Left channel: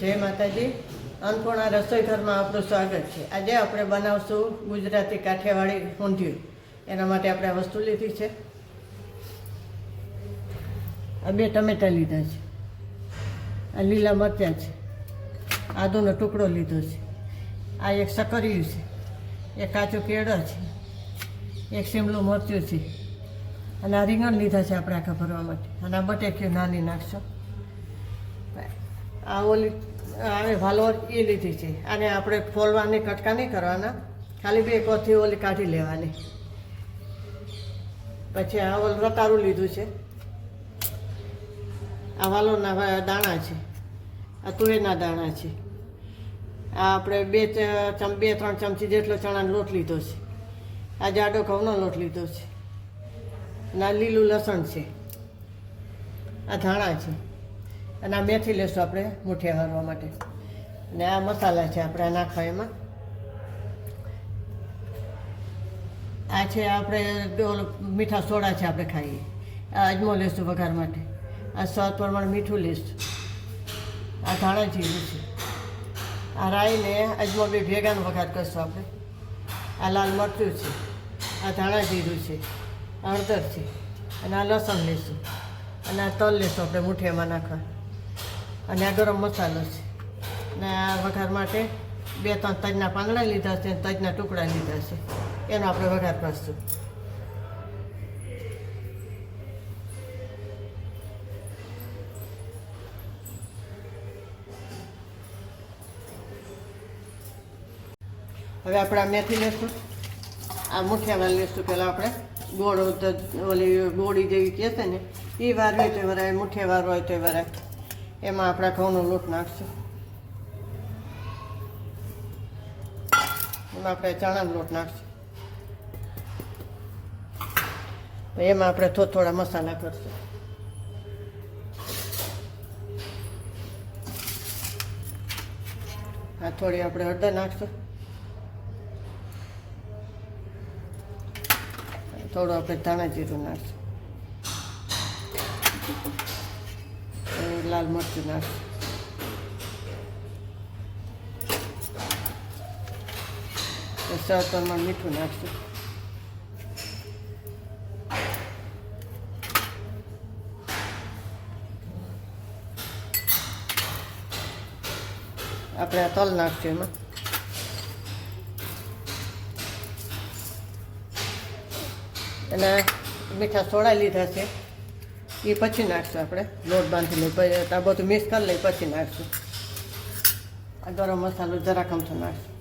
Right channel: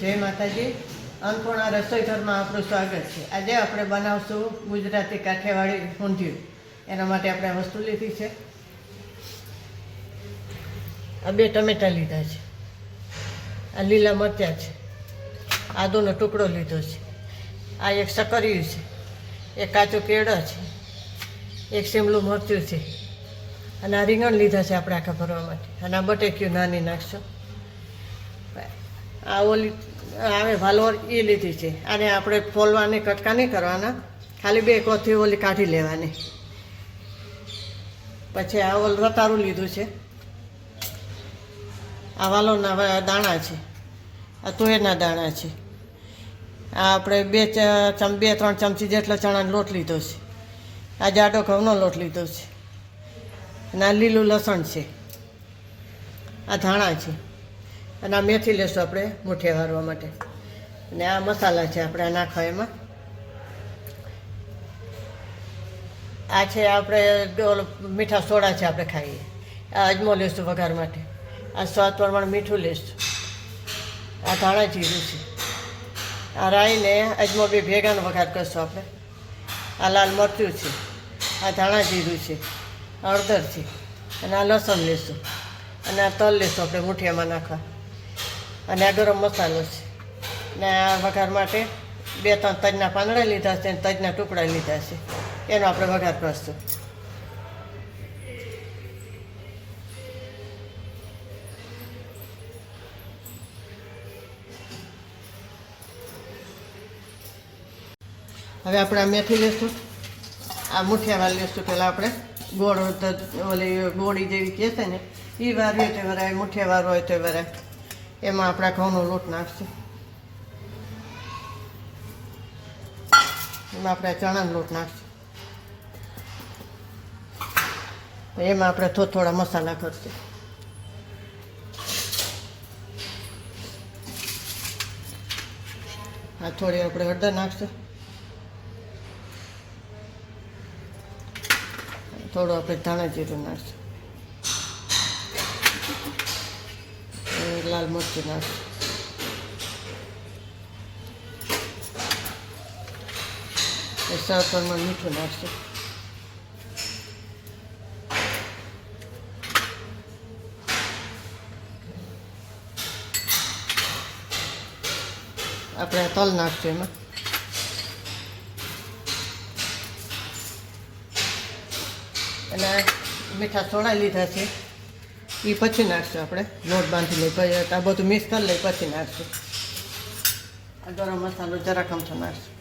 જય માતાજી. અન્નપૂર્ણા રસોઈ ઘરમાં આપણું સ્વાગત છે. આજે આપણે બનાવશું ગુજરાતી કાઠિયાવાડી ઊંધિયું. એના માટે આપણે આ વસ્તુ લીધી છે. આ 2 ટમેટાં લીધા છે, આ લીલા મરચાં છે, આદુનો ટુકડો લીધો છે, આ એક સકરિયું છે, એક કાચું કેળા છે, એક શિમલું મરચું છે, અને આ રીંગણ લીધા છે આપણે આખા ભરવા માટે, અને આ બટેકીઓ નાની નાખશું. આ ઓલી આવે વાલોર એ લીધી છે. આને આપણે ફોલવાની કટકા નહીં કરવાના, ખાલી 2 કોથી ઓલી કાઢી લેવાની. પછી આ ઓલ રતારું લીધું છે, આ વાલોરના દાણા છે, આ તુવેરના દાણા છે, આ આપણે 2-3 ચમચી જેટલો ચણાનો લોટ લીધો છે, આ જાડો ઘઉંનો લોટ લીધો છે, અને આ લીલું લસણ છે, આ ધાણા છે, અને આ મેથી લેશું આપણે મુઠિયા વારવા માટે. અને આ મસાલા છે આપણે આ નાખવા એમાં. આ છે આપણે મીઠા સોડા છે આપણે ખાઈએ. આ અજમો લેશું વઘાર માટે, આ સ્વાદ પ્રમાણે મીઠું લેશું, આ ધાણા જીરું છે, આ રાઈને અજમો બી ભેગાનો વઘાર કરશું આપણે. આ લાલ મરચું છે, આ ધાણા જીરું છે, હળદર છે, અને આ લસણ લેશું, અને આ તલ લેશું આપણે મુઠિયામાં નાખવા, અને આ ગરમ મસાલો છે, અને આ વઘાર માટે 2-3 તજના પાંદડા લીધા છે, તજના ટુકડા લીધા છે, એનો આપણે વઘાર કરશું. હવે આપણે આ મેથી લેશું, આ મુઠિયામાં લેશું. પહેલાં આપણે ગોળ ઓલી ગોળી જેવી કહે છે ને એ વારવી હોય તો વરાય, મુઠિયા વારવો હોય તો વરાય. એમાં આપણા ઘઉંનો લોટ નાખશું, એમાં આપણે ચણાનો લોટ નાખશું, એમાં આપણે થોડા મસાલા કરશું. આ થોડી આપણે હળદર નાખશું, થોડું આપણે ધાણા જીરું નાખશું, લાલ મરચું નાખશું, સ્વાદ પ્રમાણે મીઠું નાખશું. આપણે તલ નાખશું એમાં, અને મીઠા સોડા લીધા છે એ પછી નાખશું. આપણે લોટ બાંધી લઈ પછી આ બધું મિક્સ કરી લઈ પછી નાખશું. આ ગરમ મસાલો જરાક અમથો નાખશું,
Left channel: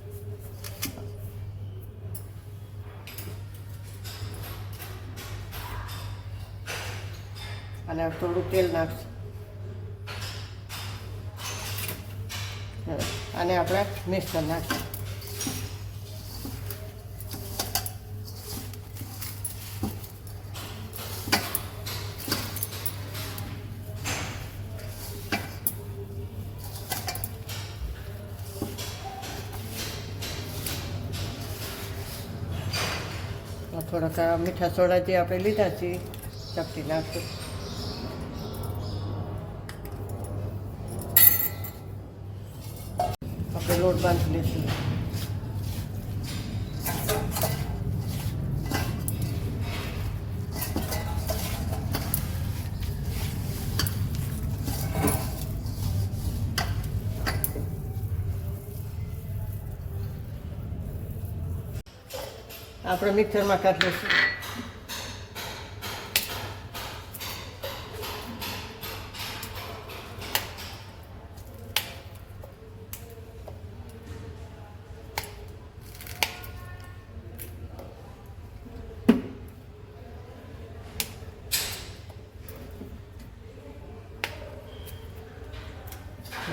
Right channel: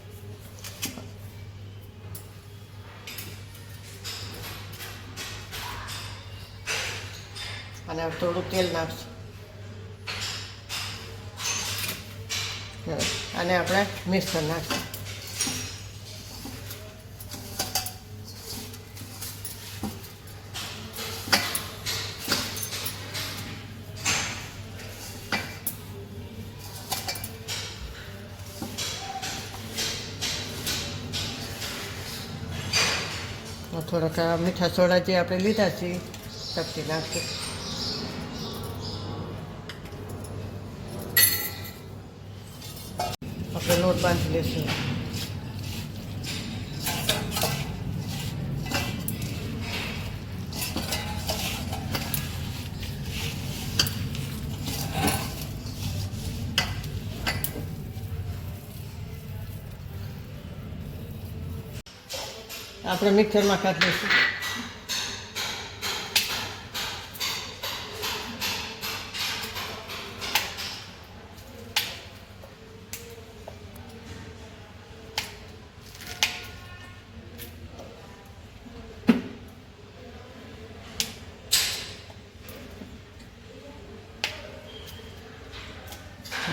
અને થોડું તેલ નાખશું, અને આપણે મિક્સ કરી નાખશું. થોડાક મીઠા સોડા જે આપણે લીધા છે ચપટી નાખશું. આપણે લોટ બાંધી લઈશું. આપણે મિક્સરમાં કાઢી લઈશું.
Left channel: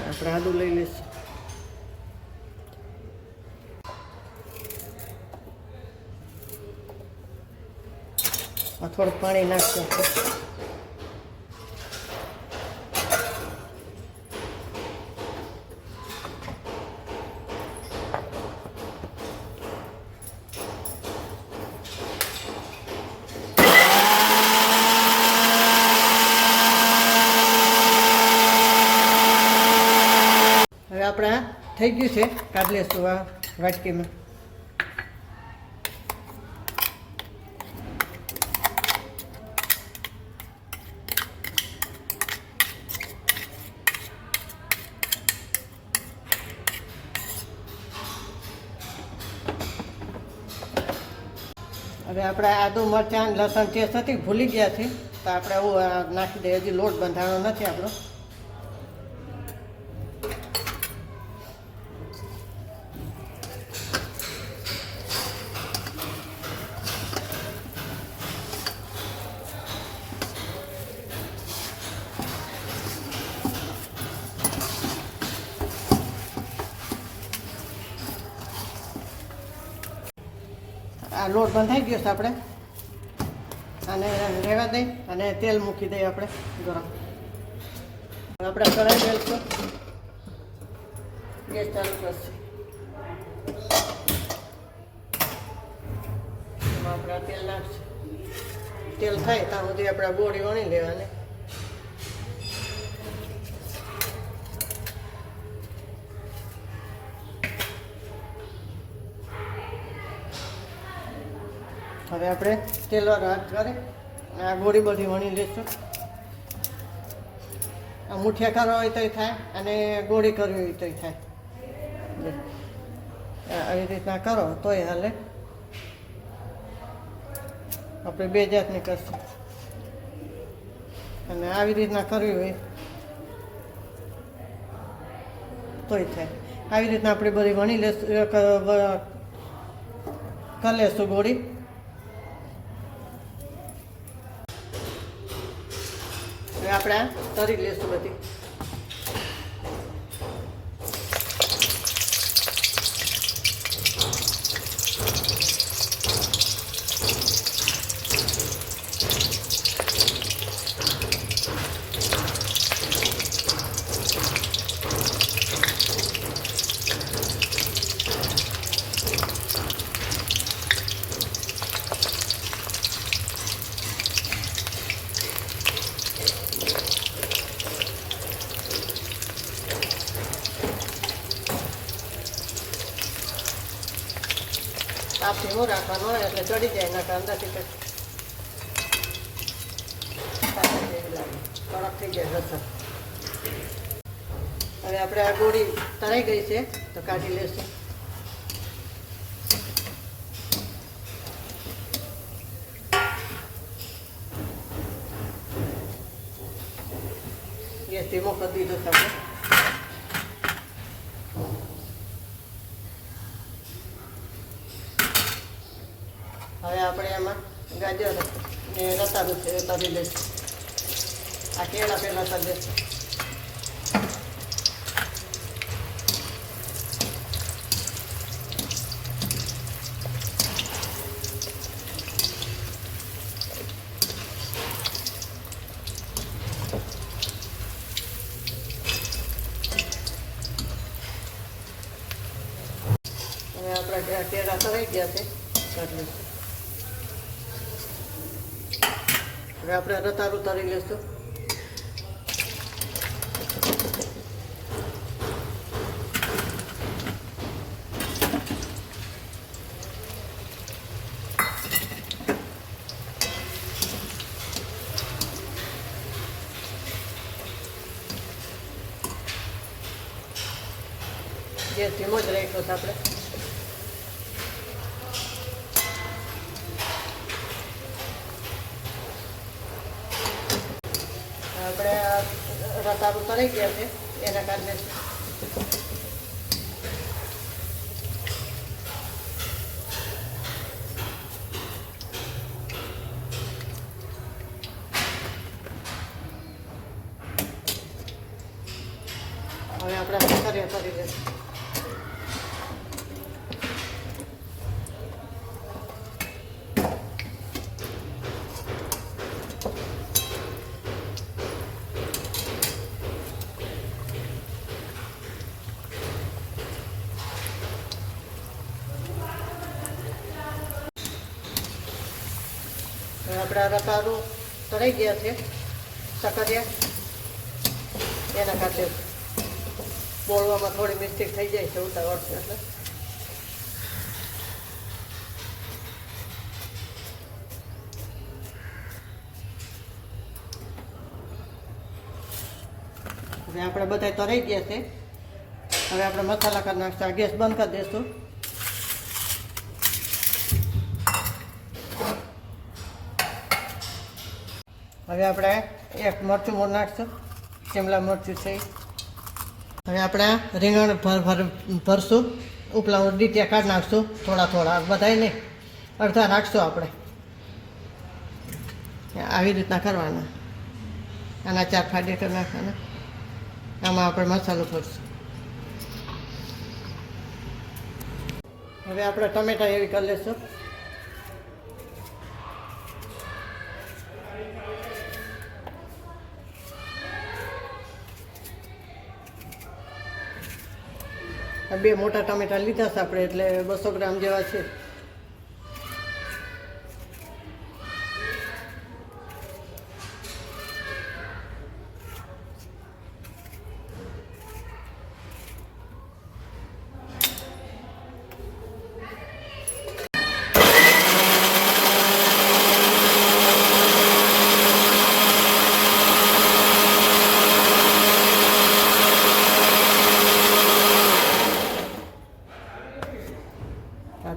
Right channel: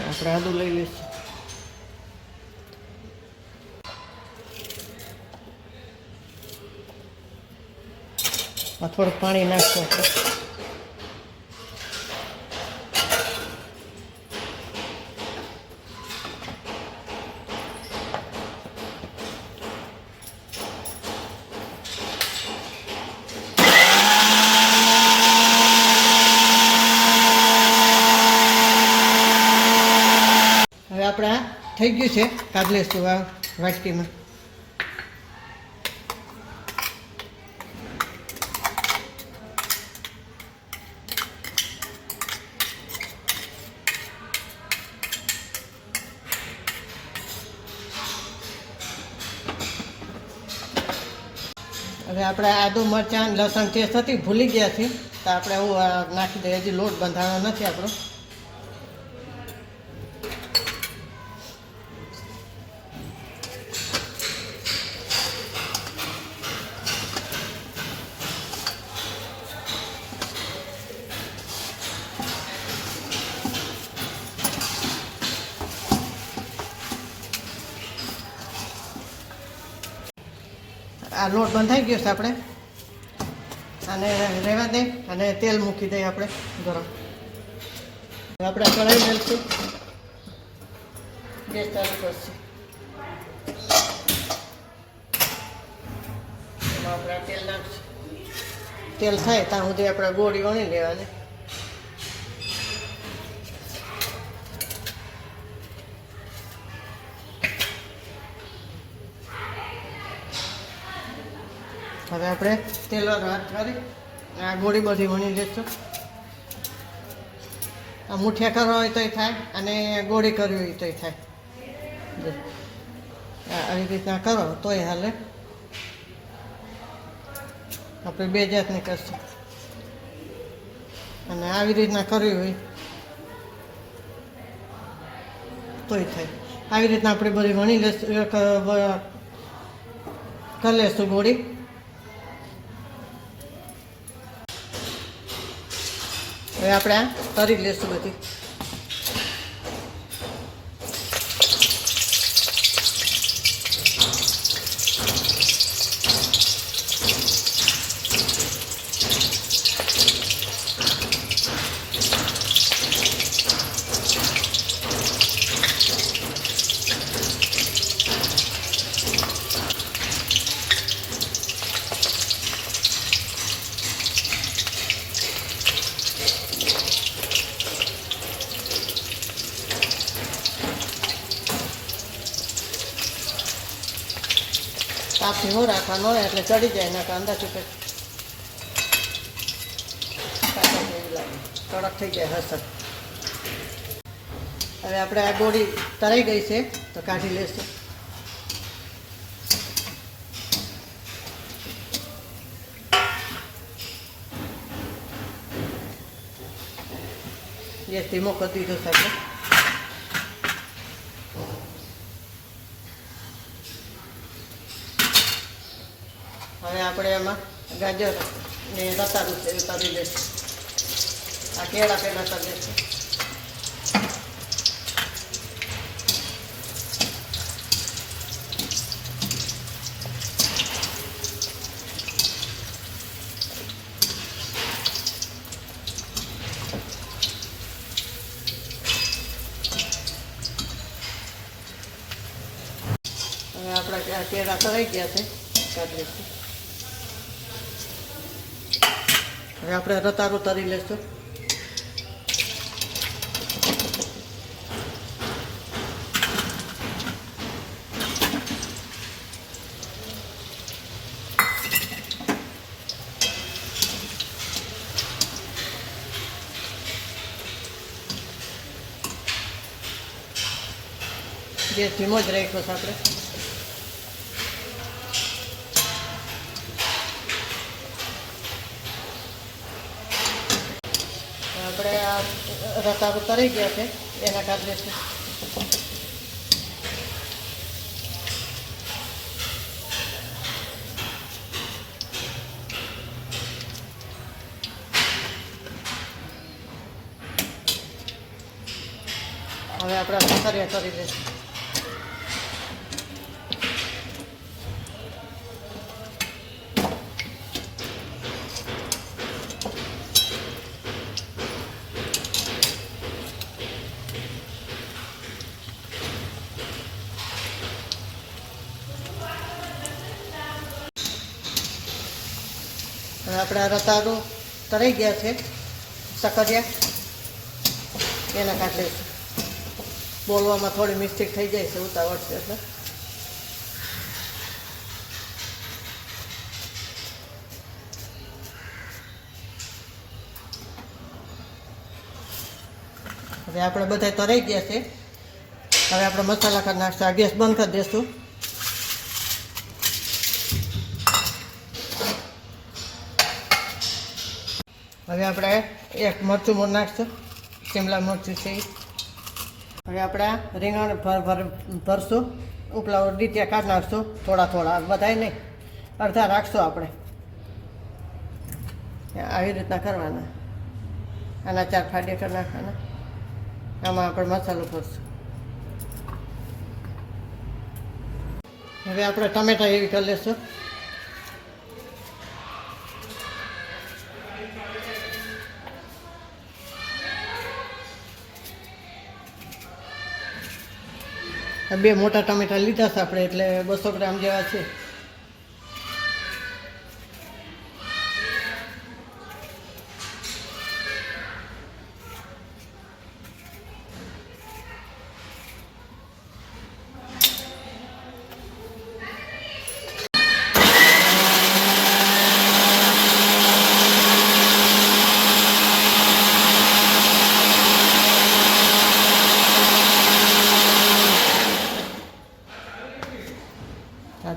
આપણે આદુ લઈ લઈશું. થોડું પાણી નાખશું આપણે. હવે આપણે આ થઈ ગયું છે, કાઢી લઈશું આ વાટકીમાં. હવે આપણે આદુ મરચાં લસણ ટેસ્ટ હતી ભૂલી ગયા છે, તો આપણે હું નાખી દઈએ. હજી લોટ બંધાણો નથી આપણો. આ લોટ બંધાઈ ગયો છે આપણે, અને રહેવા દઈ અને તેલ મૂકી દઈએ આપણે ગરમ. આપણે કઢાઈ નાખીશું, ગેસ ચાલુ કરશે. એમાં આપણે તેલ નાખશું. તેલ થાય ત્યાં સુધી આપણે ગોળી વણી લેવાની. હવે આપણે તેલ હાથ કરી આ ગોળી બધી વણી લઈશું. આ મુઠિયા કરવા હોય તોય થાય અને ગોળી કરવી હોય તોય થાય. આવી રીતના કરો તોય હાલે. આપણે બે જાતની કરશું, અને આવી રીતના કરવી હોય તોય થાય. આવી રીતના આપણે બધી વણી લઈશું, કરી લઈશું ગોળી. હવે આપણે આ તરી લઈશું બધી. તાપ ધીમો રાખવાનો હોય એટલે ચડી જાય, એના કાંદાથી પછી કડક થઈ જાય રસમ. હવે આપણે આ ગોળી તળાઈ ગઈ છે તો કાઢી લેશું. ગેસ ધીમો કરી દીધો છે આપણે. હવે આપણે એમાં ગાજર ને રતાળું છે એ કરી લઈશું. આ કેળા પહેલાં કરી દઈશું. હવે આપણા કેળા તળાઈ ગયા છે, કાઢી લઈશું. હવે આપણે રતાળું તરી લઈશું. ગેસ ધીમો જ રાખ્યો છે આપણે. રતાળું તળી ગયા છે એના કાઢી લઈશું. હવે આપણે સકરિયા કરી દઈશું. આપણા રતાળું તળાઈ ગયા છે, સકરિયા એના કાઢે. બોલવામાં થોડી મિસ્ટેક થઈ જાય છે ઉતાવળ છે એટલે. હવે આપણે બધા તરાઈ ગયા છે. હવે આપણે મસાલા કરી નાખશું. આ ગેસ બંધ કરી દઈશું. હવે આપણે એક મરચું મોર નાખશું, શિમલા મરચું છે. હવે આપણે રીંગણ ભરશું, ઉપલા ડીટિયા કાઢી નાખશું થોડા થોડા, બધાય નહીં, અડધા રાખશું આપણે. આવી રીતના કરવાના. આના 4 ફાડીયા કરી નાખવાના. આમાં આપણે મસાલો ભરશું. હવે આપણે ટમેટા એવી કરી લઈશું. બે મોટા ટમેટા લીધા છે આપણે, એટલે 200 ગ્રામ જેવા છે.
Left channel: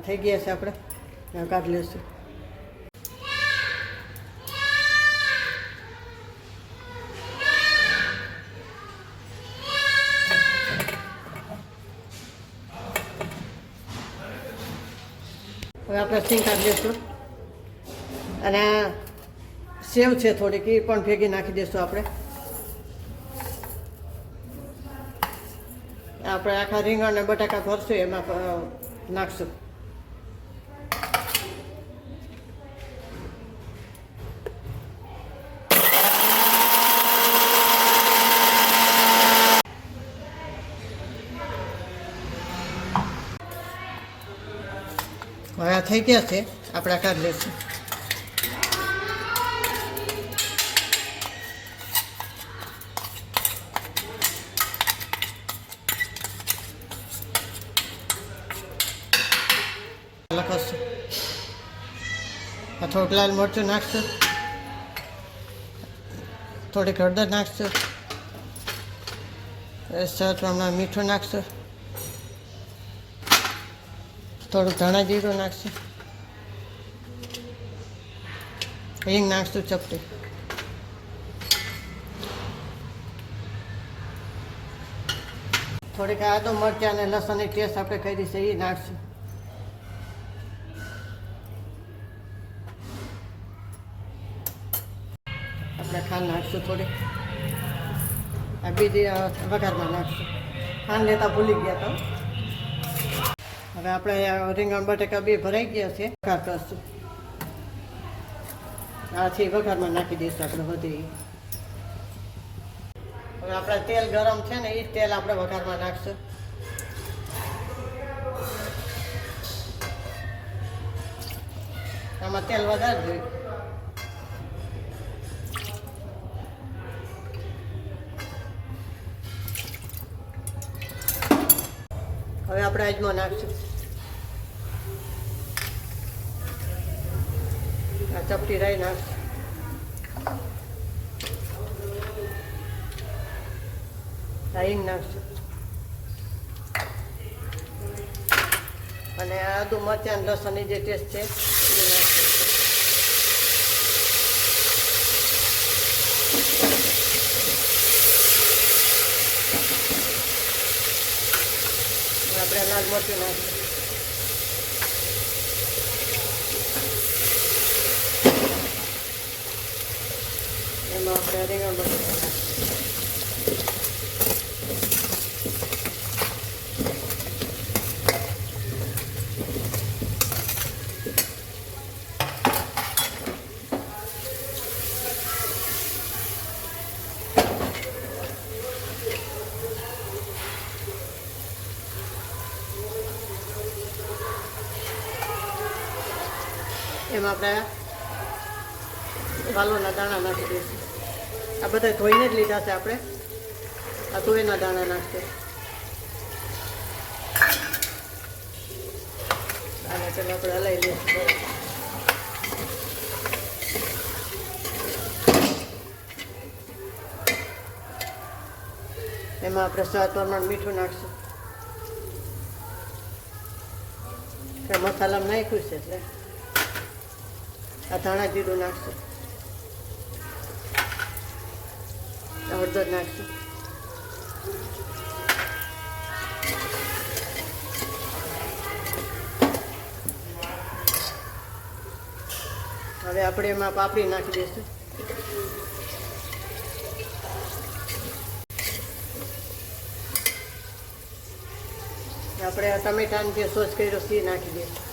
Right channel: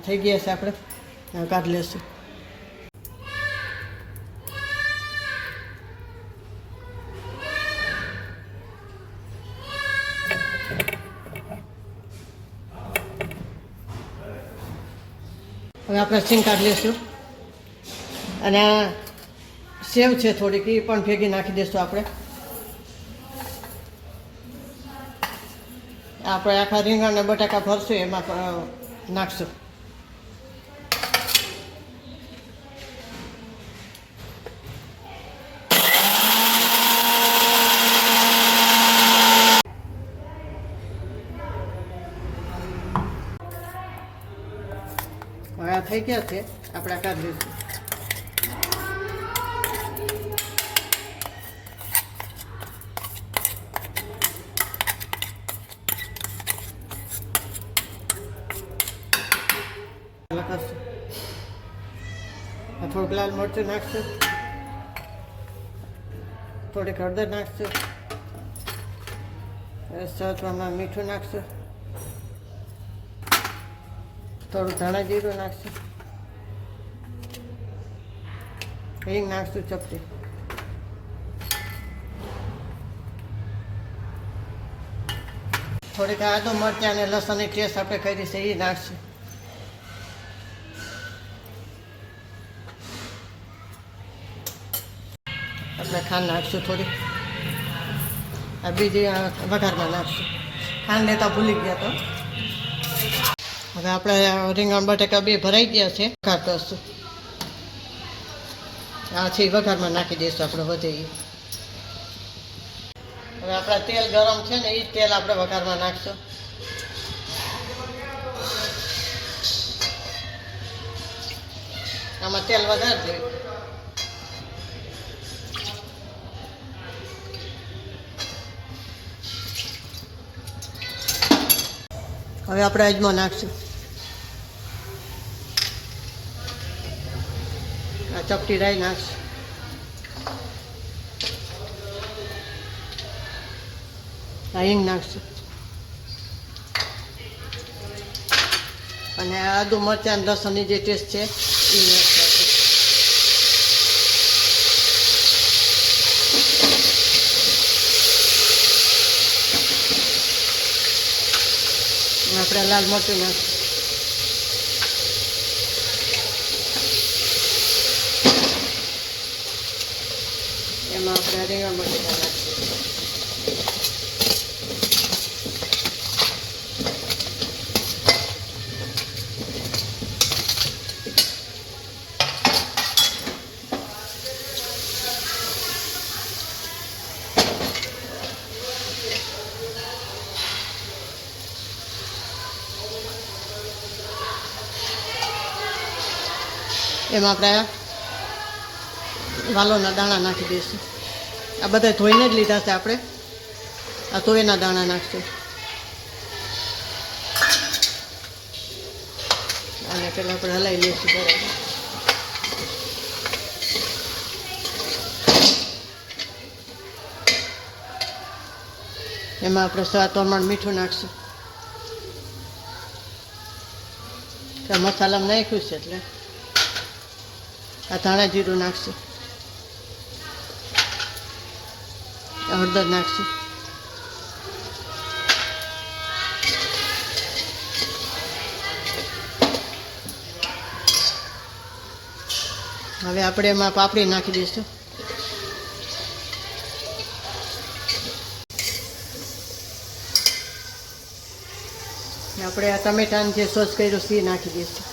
થઈ ગયા છે, આપણે કાઢી લઈશું. હવે આપણે સિંગ કાઢી લઈશું. અને આ સેવ છે થોડીક, એ પણ ભેગી નાખી દઈશું આપણે. આપણે આખા રીંગણ અને બટાકા ભરશું એમાં નાખશું. હવે આ થઈ ગયા છે, આપણે કાઢી લઈશું. લખાશું. આ થોડુંક લાલ મરચું નાખશું, થોડીક હળદર નાખશું, સ્વાદ પ્રમાણે મીઠું નાખશું, થોડું ધાણા જીરું નાખશું, હિંગ નાખશું ચપટી, થોડીક આદુ મરચાં અને લસણની ટેસ્ટ આપણે કરી છે એ નાખશું. આપણે ખાંડ નાખશું થોડી. આ બીજી વઘારમાં નાખશું. ખાંડ લેતા ભૂલી ગયા તો. હવે આપણે રીંગણ બટાકા બે ભરાઈ ગયા છે, વઘાર કરશું. આ છે વઘારમાં નાખી દઈશું આપણે વધીએ. હવે આપણા તેલ ગરમ છે ને, એ જ તેલ આપણે વઘારમાં નાખશું. આમાં તેલ વધારે જોઈએ. હવે આપણે અજમો નાખશું. આ ચપટી રાઈ નાખશું. આ હિંગ નાખશું. અને આદુ મરચાં લસણની જે ટેસ્ટ છે એ નાખશું. આપણે લાલ મરચું નાખશું. એમાં આપણે રીંગણ બટાકા એમાં આપણે વાલોના દાણા નાખી દઈશું. આ બધા ધોઈને જ લીધા છે આપણે. આ તુવેરના દાણા નાખશું. પહેલાં આપણે હલાવી લઈશું બરાબર. એમાં આપણે સ્વાદ પ્રમાણે મીઠું નાખશું. મસાલામાં નાખ્યું છે એટલે આ ધાણા જીરું નાખશું, હળદર નાખશું. હવે આપણે એમાં પાપડી નાખી દઈશું. આપણે આ ટમેટાનું જે સોસ કર્યું છે એ નાખી દઈશું.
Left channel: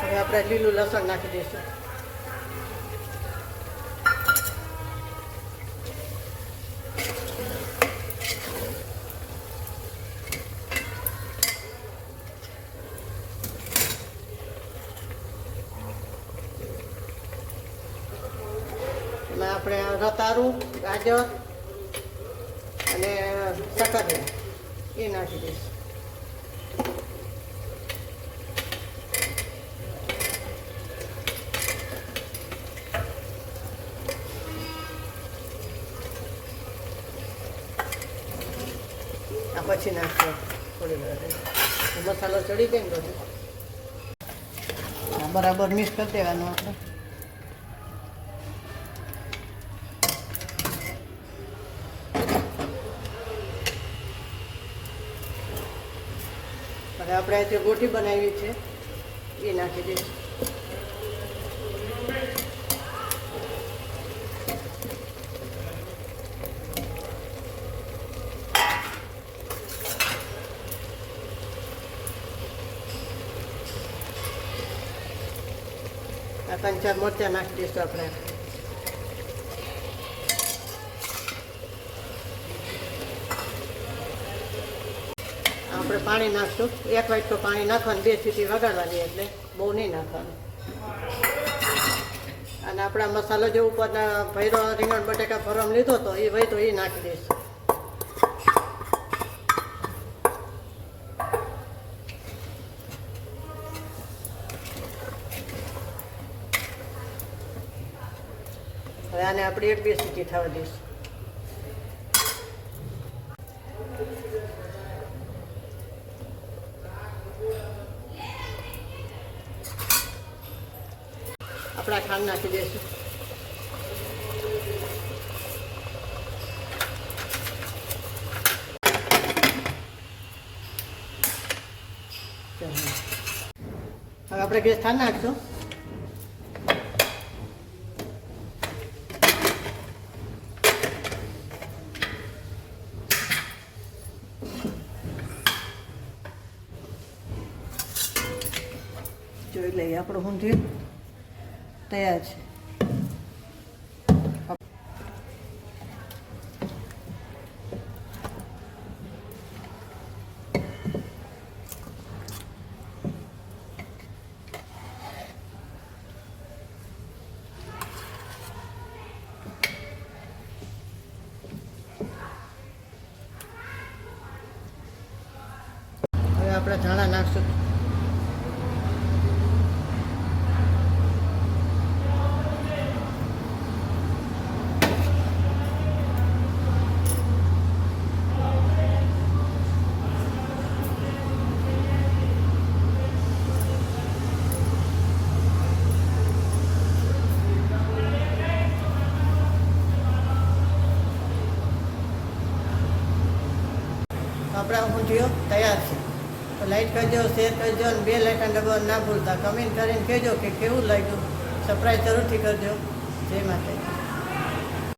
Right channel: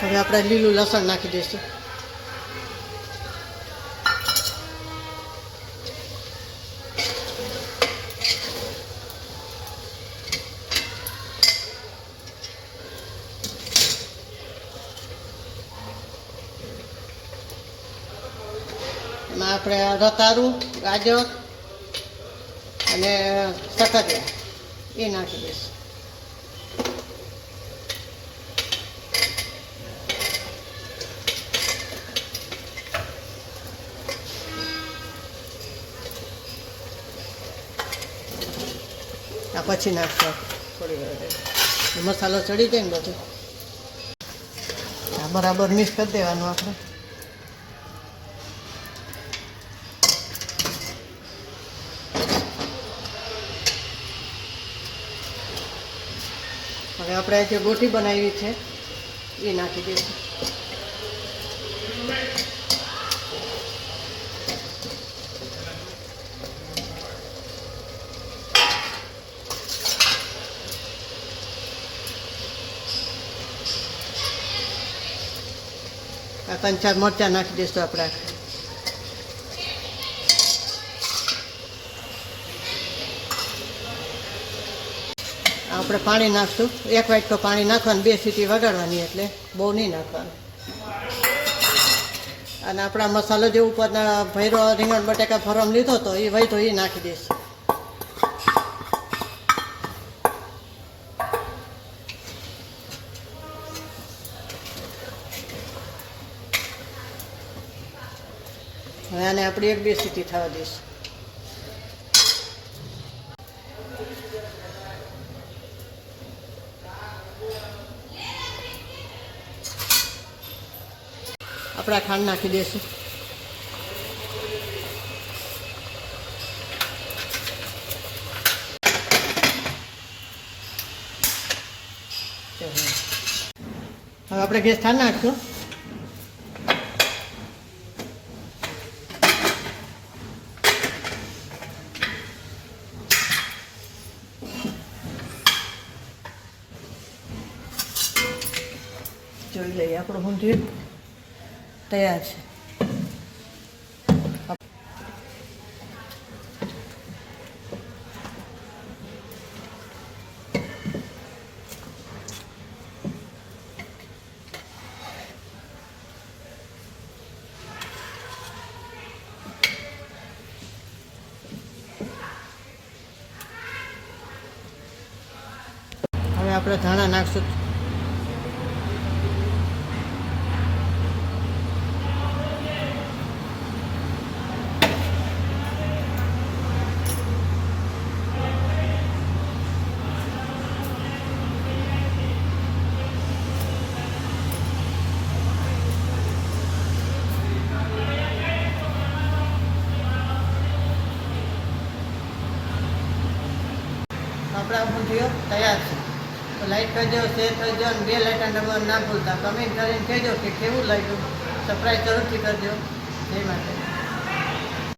હવે આપણે લીલું લસણ નાખી દઈશું. એમાં આપણે રતારું, ગાજર અને સકરટેલા એ નાખી દઈશું. પછી નાખશો થોડી વાર મસાલો ચડી જાય ને બધું. બરાબર મિક્સ કરી દેવાનું આપણે. હવે આપણે જે ગોઠી બનાવી છે એ નાખી દઈશું. ત્રણ ચાર મરચાં નાખી દઈશું આપણે. આપણે પાણી નાખશું. 1 વાટકો પાણી નાખવાનું, 2 સીટી વગાડવાની, એટલે બહુ નહીં નાખવાનું. અને આપણા મસાલો જે ઉપરના ભૈરો રીંગણ બટેકા ફરમ લીધો હતો એ વહી તો એ નાખી દઈશું. હવે આને આપણે 1-2 સીટી થવા દઈશું. આપણે ખાંડ નાખી દઈશું. હવે આપણે ગેસ થાળ નાખશું. જોઈ લઈએ આપણું ઊંધિયું તૈયાર છે. હવે આપણે ધાણા નાખશું. આપણા ઊંધિયું તૈયાર છે. તો લાઈક કરજો, શેર કરજો અને 2 લાઇકન દબાવવાનું ના ભૂલતા. કમેન્ટ કરીને કહેજો કે કેવું લાગ્યું. સબસ્ક્રાઈબ જરૂરથી કરજો. જય માતા.